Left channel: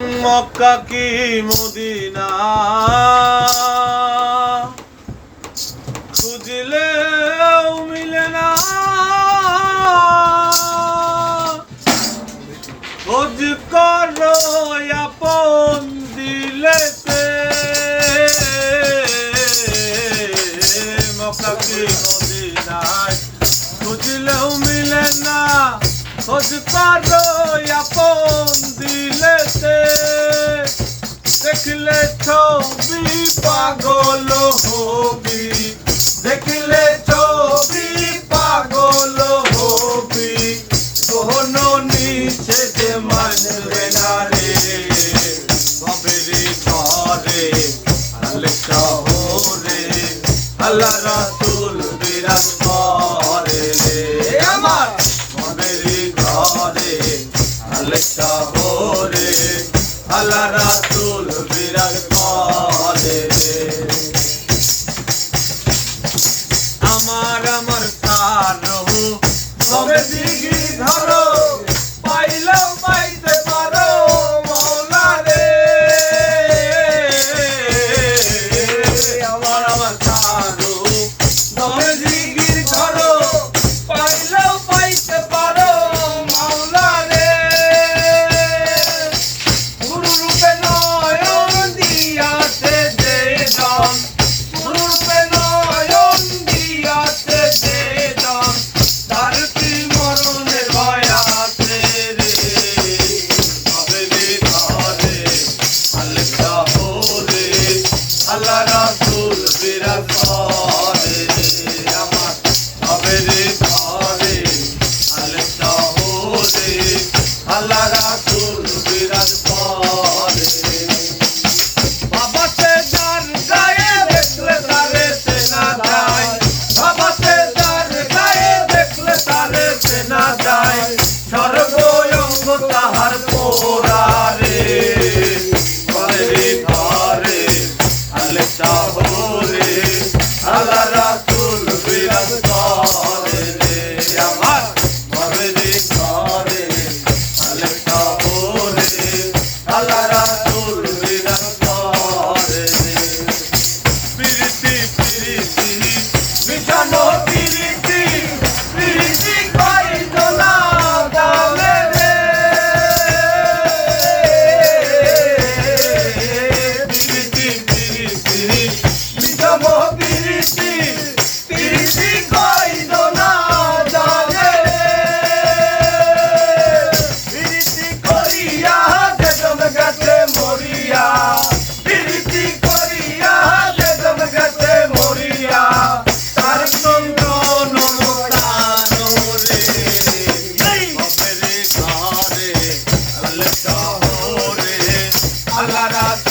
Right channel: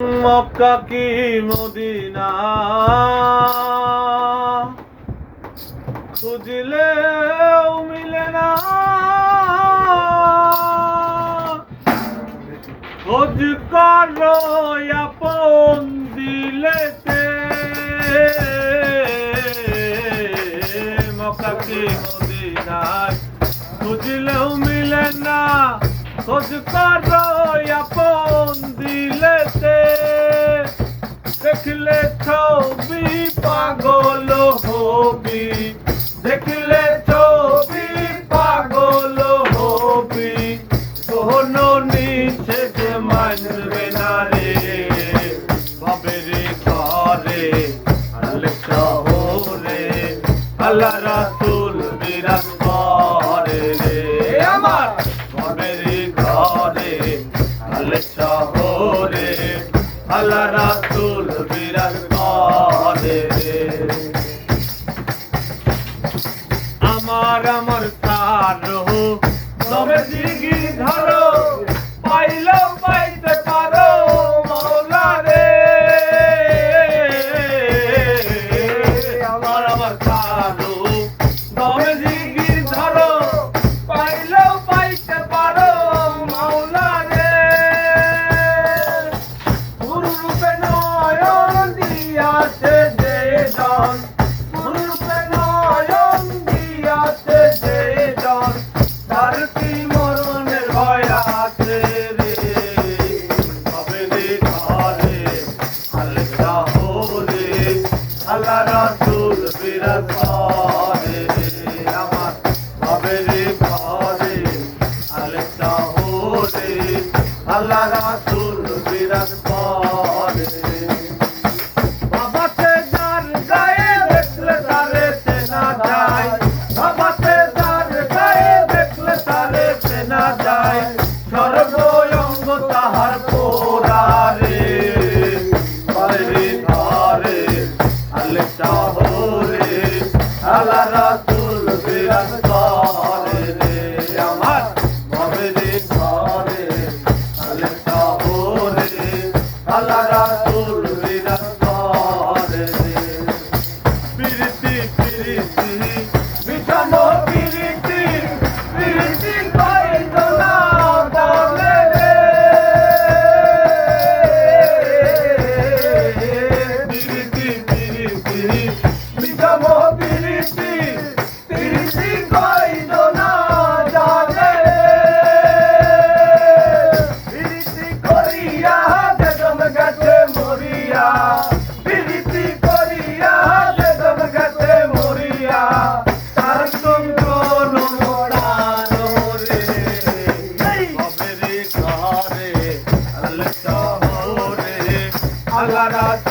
মক্কা কি মদিনা খুঁজলেও মিলে না, খোঁজ করো আপন দিলেতে। মক্কা কি মদিনায় খুঁজলেও মিলে না, খোঁজ করো আপন দিলেতে। দেখলে ছবি পাগল হবি, দেখলে ছবি পাগল হবি, কোনো নিচে যে মানবে না রে। বাবেরি ঘরে আলে শহরে আল্লাহ রাসূল বিরাজ করে রে। আমার বাবেরি ঘরে আলে শহরে আল্লাহ রাসূল বিরাজ করে রে। আমার কারো তবে জিগি ধরো, পাইলেও পাইতে পারো মাওলা রে। আমার কারো তবে জিগি ধরো, পাইলেও পাইতে পারো মাওলা রে। গুরু রূপে নয়ন দিয়াছে যে জন, গুরু রূপে নয়ন দিয়াছে যে জন, তার কি মরণের ভয় আছে রে। বাবেরি ঘরে আলে শহরে আল্লাহ রাসূল বিরাজ করে রে। আমার বাবেরি ঘরে আলে শহরে আল্লাহ রাসূল বিরাজ করে রে। বাবাতে যার গায়ে দেখলে তারে চেনা যায়, বাবাতে যার গায়ে দেখলে তারে চেনা যায়, সর্বঙ্গ তাহার পোড়া রে। বাবেরি ঘরে আলে শহরে আল্লাহ রাসূল বিরাজ করে রে। আমার বাবেরি ঘরে আলে শহরে আল্লাহ রাসূল বিরাজ করে রে। প্রীতি প্রীতি বিষম প্রীতি, প্রীতি কইল না দামে রে। প্রীতি প্রীতি বিষম প্রীতি, প্রীতি কইল না দামে রে। প্রীতি করিয়া বেদম গেছে মরিয়া, প্রীতি করিয়া বেদম গেছে মরিয়া, তার চন্দন মোড়ানো রে। বাবেরি ঘরে আলে শহরে আল্লাহ রাসূল